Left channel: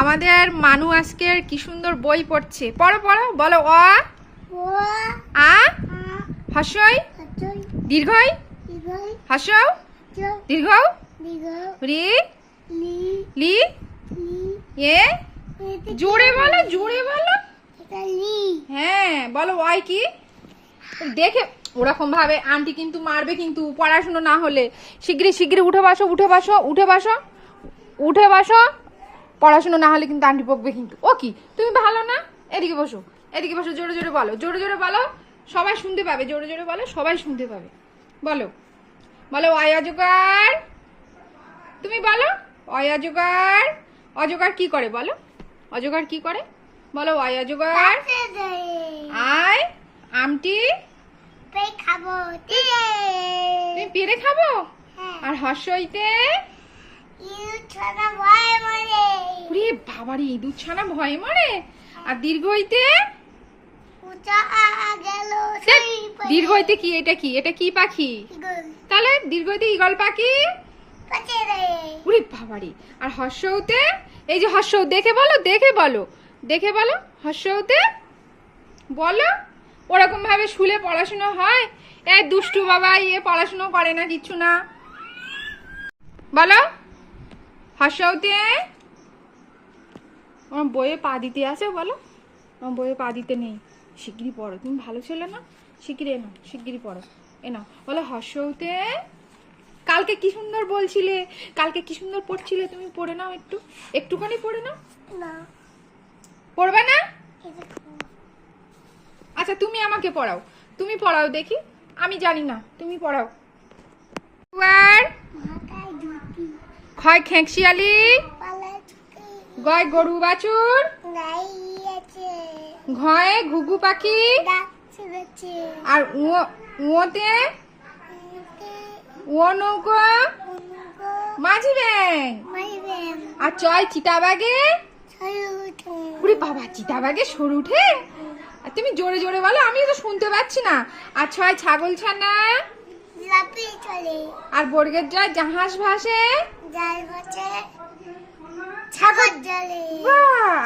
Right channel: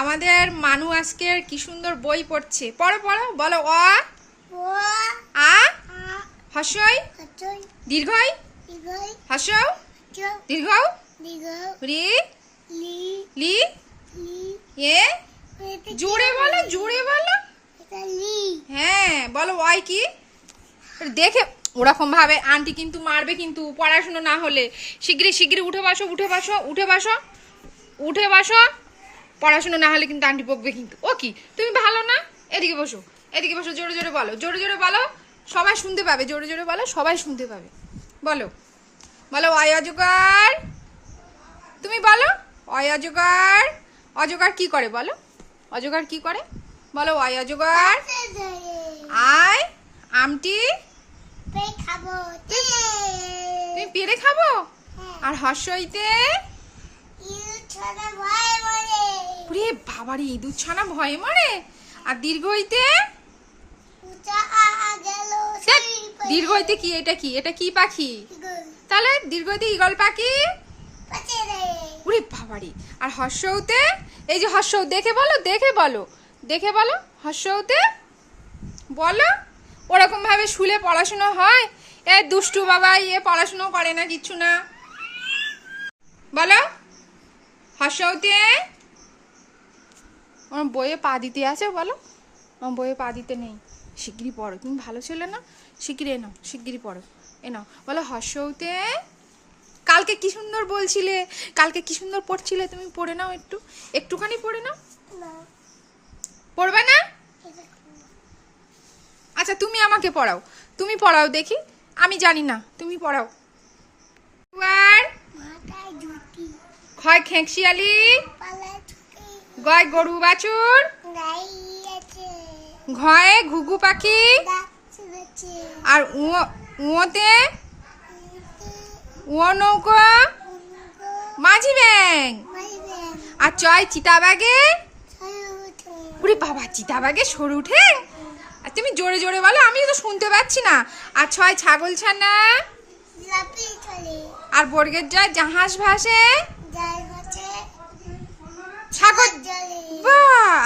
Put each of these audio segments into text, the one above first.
আমাদের মানু আজকের কি সুন্দর বই পড়ছে। পড়ো পড়ো, বলো। অ আ হস্যই দীর্ঘই হস্যও দীর্ঘ রি লি এ জোরে বলো, জোরে বলো। হ্যাঁ বলো, ওয়াই কি? দেখে ওরকম ভাবে আন্টি কিন্তু মারবে, কিন্তু পড়াশুনো না হলে। শিগগিরি শিগগিরি উঠে বসো, উঠে বসো, উঠে বসো, উঠে বসো। পড়াশুনো না হলে কিন্তু আন্টি বকবে কিন্তু। ও কি, তুমি ভালো না? এদিকে বসো, এদিকে বসো। জোরে জোরে বলো, জোরে জোরে বলো, সবাই শুনতে পাবে। জোরে জোরে বলো, সবাই শুনতে পাবে। বলো বলো, ওয়াই অজগর। তুমি বলো, ওয়াই অজগর। অজগর কি করে বলো? অজগর কি করে বলো? ওয়াই অজগর। আয় আমটি খাবো, তুমি পেরে খাবো। আর হর্ষইতে ওরে বাবারে, ইঁদুর ছানা ভয়ে মরে। আর দীর্ঘইতে দীর্ঘইতে কি? এটা কি? এটা কি পাখি? তাহলে দীর্ঘইতে ঈগল পাখি। ওরে বাবারে। আর হর্ষউতে, এই যে হর্ষউ, দেখে বলো, দেখে বলো, দেখে বলো হর্ষউতে বলো। ওরকম ভাবে শুলে পড়াশোনা হয়? এ দুষ্টু বাবা, ইয়ে পড়াশোনা করে না, কিচ্ছু না। বলো হর্ষউতে। আমার বইয়ে পা দিতে আছে, বলো। আমার বইয়ে পা দিতে নেই। শিগগিরি পড়ো, তুমি ভালো ছেলে না? শিগগিরি এ নাও, শিগগিরি পড়ো, এ নাও। বলো হর্ষউতে। কালকে কি সুন্দর বলছিলে, কালকে কি সুন্দর পড়ছিলে, তুমি পড়ে নাও একটু, একটুখানি পড়ে নাও। পড়বে না? আচ্ছা তুমি আমাকে পড়াও, তুমি পড়াও দেখি, আমি জানি না, তুমি পড়াও। ক্ষয় খেঁকশিয়ালি, গয় গরু বাছুর, ঘয়ে ঘুঘু পাখি, আর উয়োতে ও নৌকা মাঝি ব্যাং, আর চয় চিতাবাগে। ওরে বাবা, চিতাবাগে সরু ঠ্যাং। আর তুমি জোরে জোরে বলো, আমি তো শুনতে পাচ্ছি না। আর ছয় ছাগল ছানা, আর বর্গের জয় জাহাজ ভাসে,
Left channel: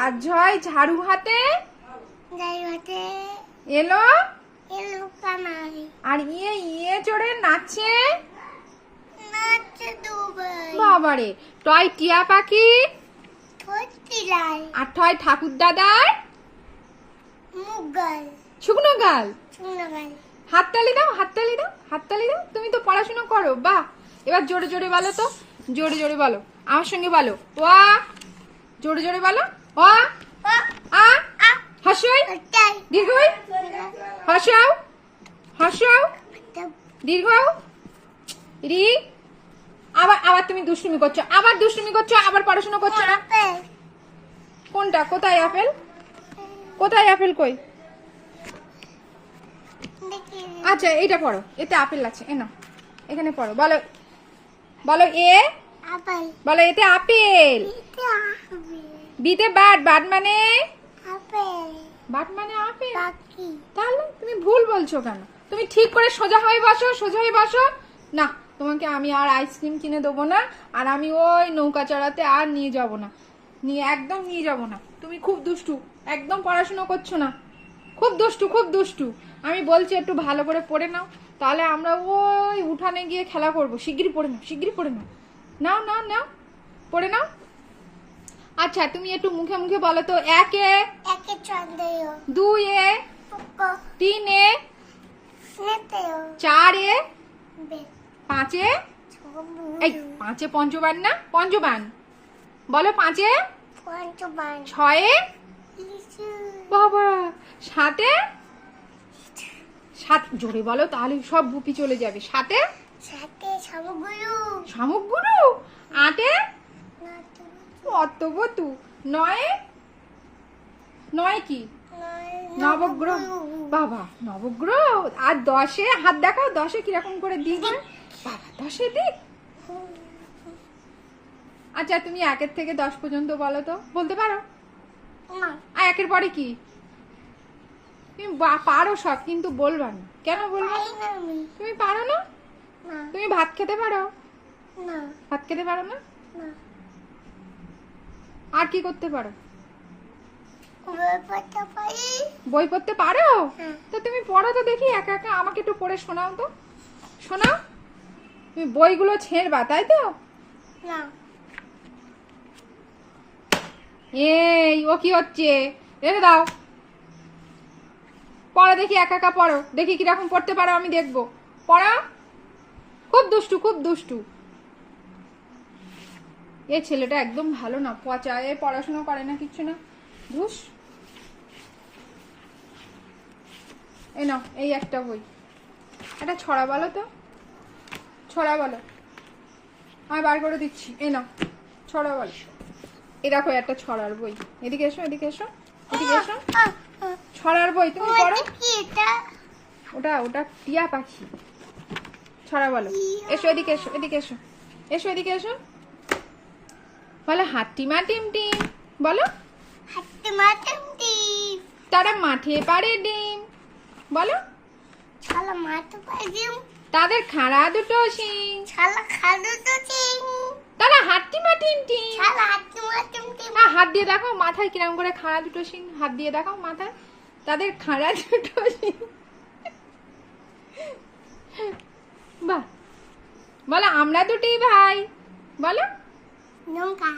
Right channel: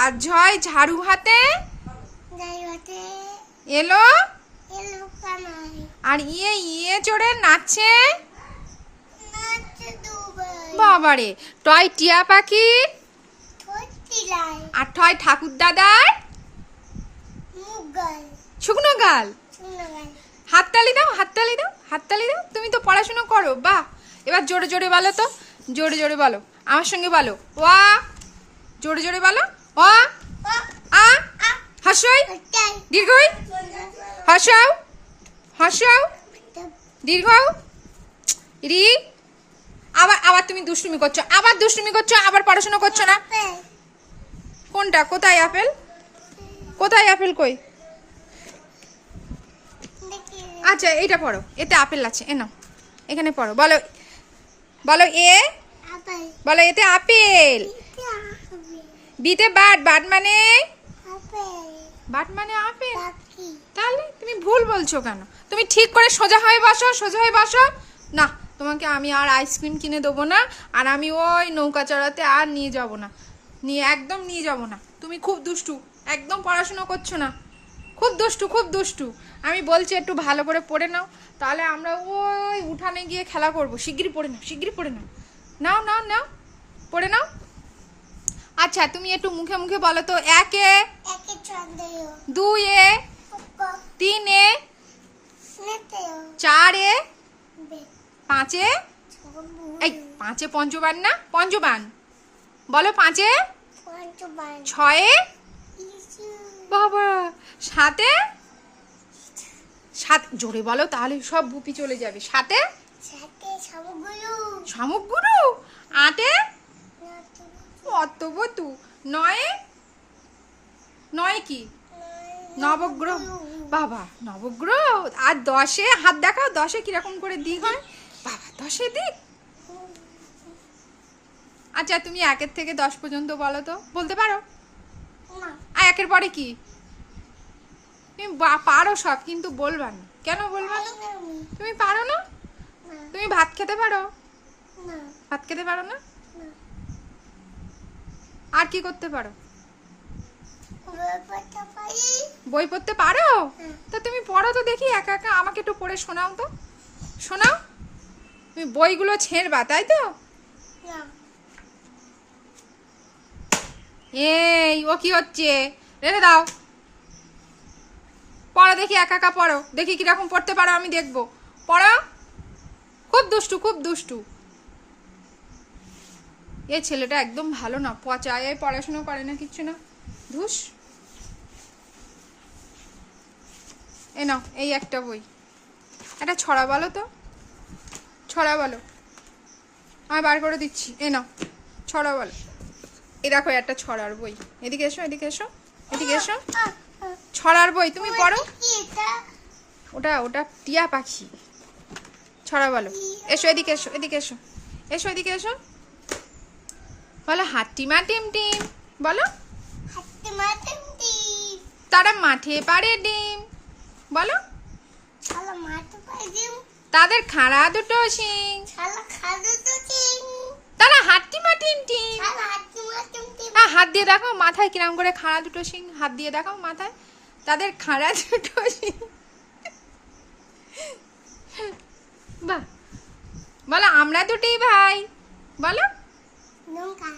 আর ঝয় ঝাড়ু হাতে এলো, আর ইয়ে ইয়ে চড়ে নাচছে বাবারে। টয় টিয়া পাখি, আর টয় ঠাকুর দাদার শুকনো গাল। হাততালি দাও, হাততালি দাও, হাততালি দাও। তুমি তো পড়াশোনা করো, বাহ। এবার জোরে জোরে বলো তো, জোরে জোরে বলো, আমার সঙ্গে বলো। ওয়া, জোরে জোরে বলো। ও আ হর্ষই দীর্ঘই হর্ষাও, হর্ষাও দীর্ঘ রি। আবার আবার তুমি দুষ্টুমি করছো, আবার দুষ্টুমি করছো, আবার পড়াশোনা করছো না। কোনটা? কোথায় আপেল? কোথায় আপেল? কই? আচ্ছা এইটা পড়ো, এতে আপেল আছে, এ নাও, এখানে পড়ো। বলো বলো এ, বলো এতে আপেল। বিতে বাট, বাট মানে বাট মানে আপেল। তাহলে তুমি ভুল বলছো কেন? তুমি ঠিক করে সোজা হয়ে বসো, সোজা হয়ে বসো। না, তোমাকে আমি আর আইসক্রিম কিনে দেবো না, আর আমি ওই নৌকা চড়াতে আর নিয়ে যাব না, নিয়ে একদম নিয়ে যাব না। তুমি খুব দুষ্টু, একদম পড়াশুনো করছো না, খুব দুষ্টু, খুব দুষ্টু। আমি বলছি একটু ভালো করে পড়ে নাও, তাহলে আমরা ওই উঠানে গিয়ে খেলা করবো। শিগগিরি পড়ে নাও, শিগগিরি পড়ে নাও, নাও নাও নাও, পড়ে নাও। আচ্ছা তুমি একটু মুখে মুখে বলো তো। একে, দুয়ে, তিনে, চারে, পাঁচে, এই পাঁচে পঞ্চবান না, পঞ্চবান বলো। পাঁচে, ছয়ে, বাবা, সাতে, সাত, জোরে বলো তাহলে সব বুপি চলে যাবে। সাতে শামুকগুরু, আটে অত্তবতু, নয়ে, নয় কি? নবগ্রহ, বাবা নবগ্রহ। আর দশে হাত দেখাও, দশে কিরকম করে দিক? বাবা দশে দিক। আচ্ছা তুমি 1 থেকে 10 পর্যন্ত বলো তো, বলতে পারো? আর 1-এর পরে কি? তুমি পারো সব, কিন্তু বলবা না কেন? বলবা না, তুমি পারো না। তুমি ভাত খেতে পারো? ভাত খেতে পারো না? আর কি করতে পারো? বই পড়তে পারি। বই পড়তে পারো? হ্যাঁ। তা তুমি পড়ো তো দেখি একা একা, আমাকে একটু পড়ে শোনাও তো। শোনাও। তুমি বইগুলো ছেড়বা তাই তো? না। এই ও কি হচ্ছে? রেখে দাও। পড়ো দেখি, একা একা পড়ো দেখি কিরকম পড়তে পারো, আমি দেখবো। পড়ো। খুব দুষ্টু, খুব দুষ্টু। এই ছেলেটা একদম ভালো না, পচা। এ পড়াশোনা করে না, কিচ্ছু না। ধুস। এ নাও, এই একটা বই। একটা ছড়া বলো তো, ছড়া বলো। আমি বার করে দিচ্ছি। এ নাও, ছড়া বলো। এই দেখো একটা ছড়ার বই। এদিকে এসো, এদিকে এসো, এদিকে এসো। ছড়ার বই তুমি পড়ো। কি এটা? ওটা ওটা টিয়া পাখি। ছড়া বলো। এসো এদিকে এসো, এদিকে এসো, এসো এদিকে এসো। বলো হাট্টিমা টিম টিম। বলো হাতে মাঠে ডিম। তারা মাঠে পাড়ে ডিম। বলো শালা মাঠে পাই ডিম। তাদের খাড়া দুটো শিং। শালা খাদু তো চিং। তারা হাট্টিমা টিম টিম। শালা হাতে মাঠে ডিম। হ্যাঁ, হাত দিয়ে দেখাও মাথায় কিরম করে খাড়া দুটো শিং। হাত দিয়ে দেখাও মাথায়। তাদের খাড়া দুটো শিং। বাহ। বলো আমরা দুটি ভাই। বলো নৌকা।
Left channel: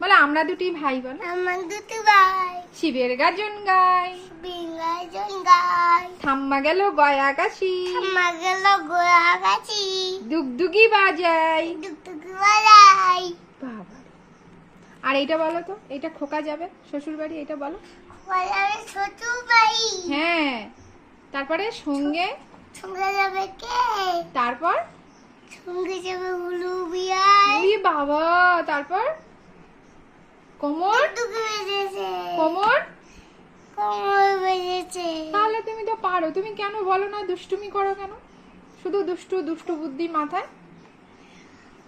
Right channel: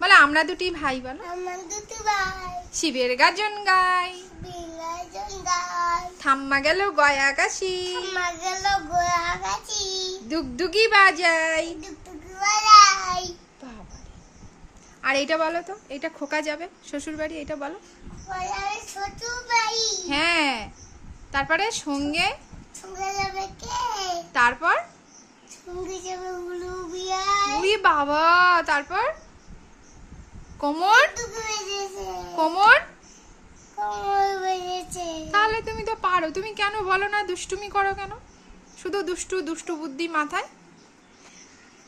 বলো আমরা দুটি ভাই। বলো আমার দুটো ভাই। শিবের গাজন গাই। বিঙ্গাই জঙ্গাই। থাম্মা গেল গয়া কাশি। আমার গেল গোয়া গাছি। দুগদুগি বাজাই। টুকটুকি বাজাই। বাবা। আর এইটা বলো তো, এইটা খোকা যাবে শ্বশুর বাড়ি, এটা বলো। বাজারে ছোট ভাই। হ্যাঁ, তারপরে সঙ্গে। সঙ্গে যাবে কে? তারপর সঙ্গে যাবে উলু বিয়াই। উই বাবা। তারপর কোমর। টুকু বেজেছে। কোমর। কোমর বেজেছে। তাহলে তুমি তো পারো, তুমি কেন বলো না? দুষ্টুমি করো কেন? শুধু দুষ্টু দুষ্টু বুদ্ধি মাথায়।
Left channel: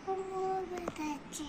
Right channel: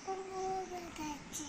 কোমর বেজেছে।